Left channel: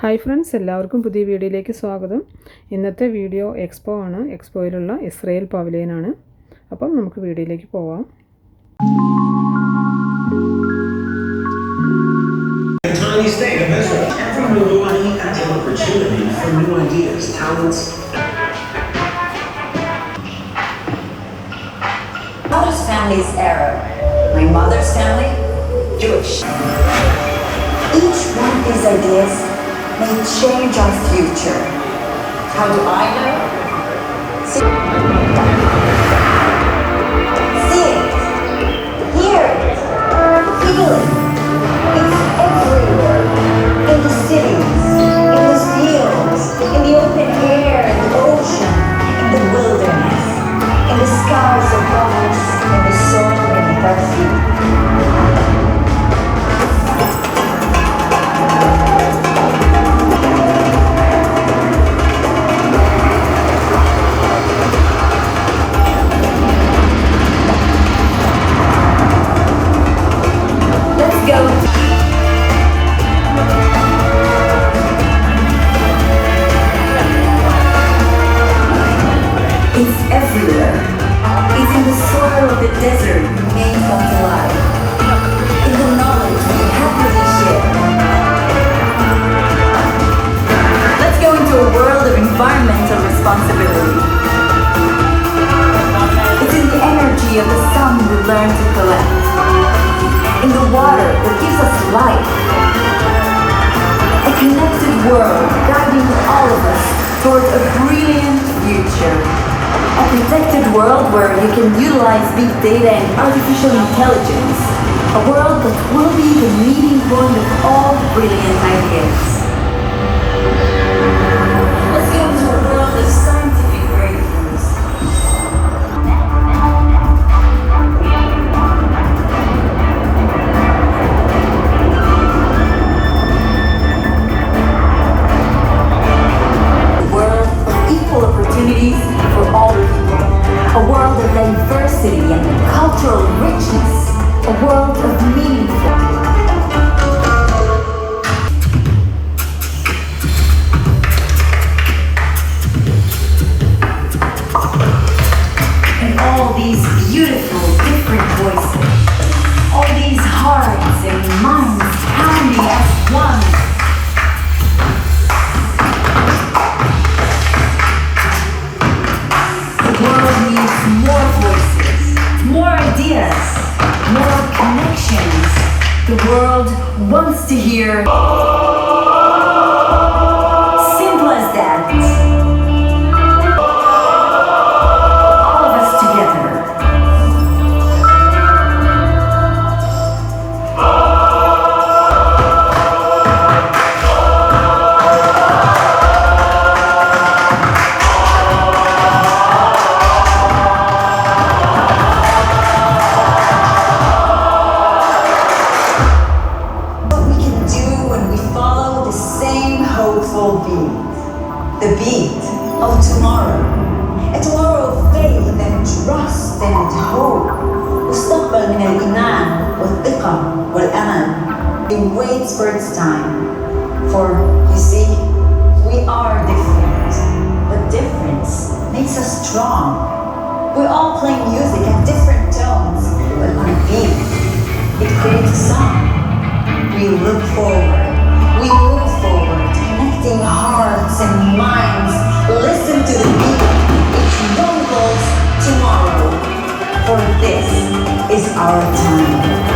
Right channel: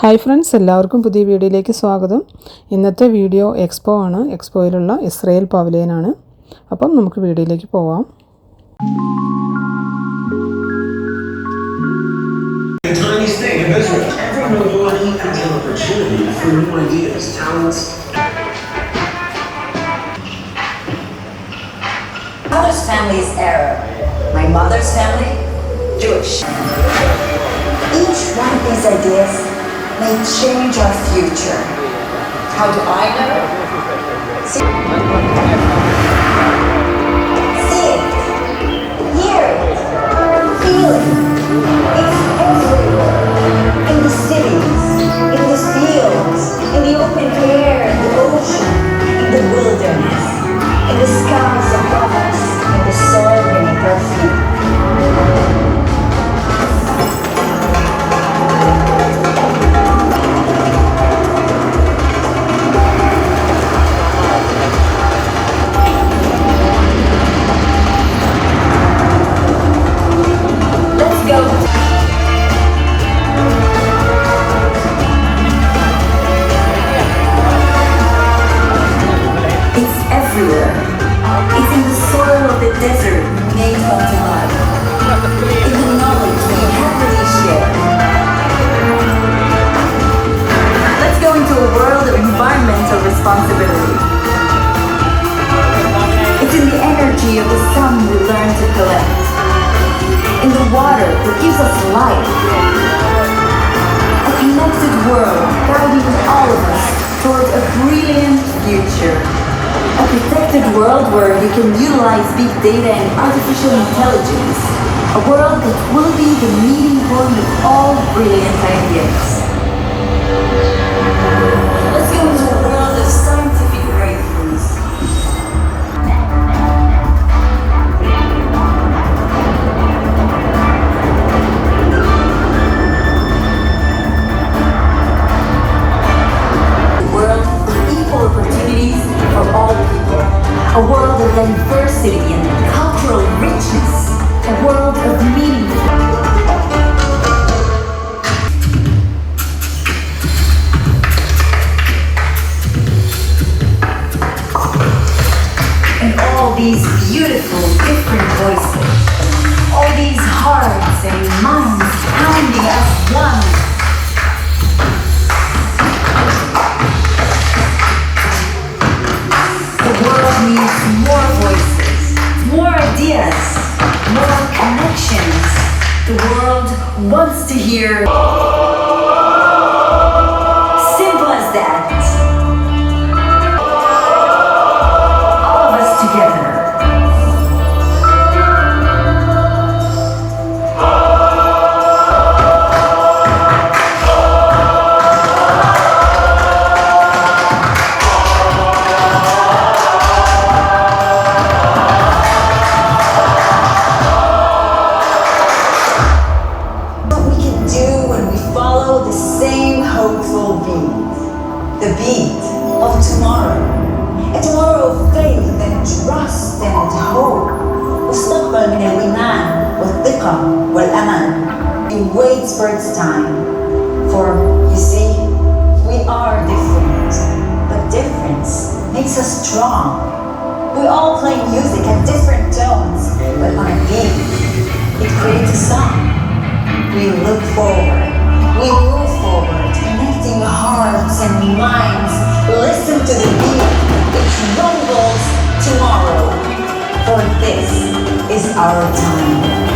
Hi friends, എല്ലാവർക്കും പുതിയ വീഡിയോയിലേക്ക് സ്വാഗതം. ഇന്നത്തെ വീഡിയോ എക്സ്പോ ആണ്. എക്സ്പോയിലുള്ള ഇസ്രയേൽ പവലിയനാണ്. അപ്പം നമുക്ക് വീഡിയോയിലേക്ക് പോവാം. My mother's family is Arab. My mother's family, Jewish. Each one of these ideas may change our future. How do I know? See it, hear it, feel it. It's everywhere. In the cities, in the fields, in the open air, in the ocean, in the wilderness, in the skies above us, in the soil beneath our feet. It's everywhere. It's in the soil of the desert made us alive. In the knowledge we happily share. Let's go into a world of environmental responsibility. It's in the energy of the sun we learn to collect. In the water that gives us life. A connected world guiding all of us towards a brilliant future. A protected world where you can utilize big data and artificial intelligence. A world that will be the meeting point of all brilliant ideas. Let's go into a world of scientific breakthroughs. A world of diversity and cultural richness. A world of meaningful. And all these beautiful, different voices. All these hearts and minds pounding as one. The world needs more voices, more ideas, more connections. The world wants to hear. Simple as that. All of us together. Hopeful beat, the beat of tomorrow, a tomorrow of faith and trust and hope. مستقبل من الإيمان والثقة والأمل. It waits for its time, for you see, we are different, but difference makes us strong. We all play music at different tones, but on a beat, it creates a song. We look forward, we move forward, connecting hearts and minds. Listen to the beat, it rumbles tomorrow, for this is our time.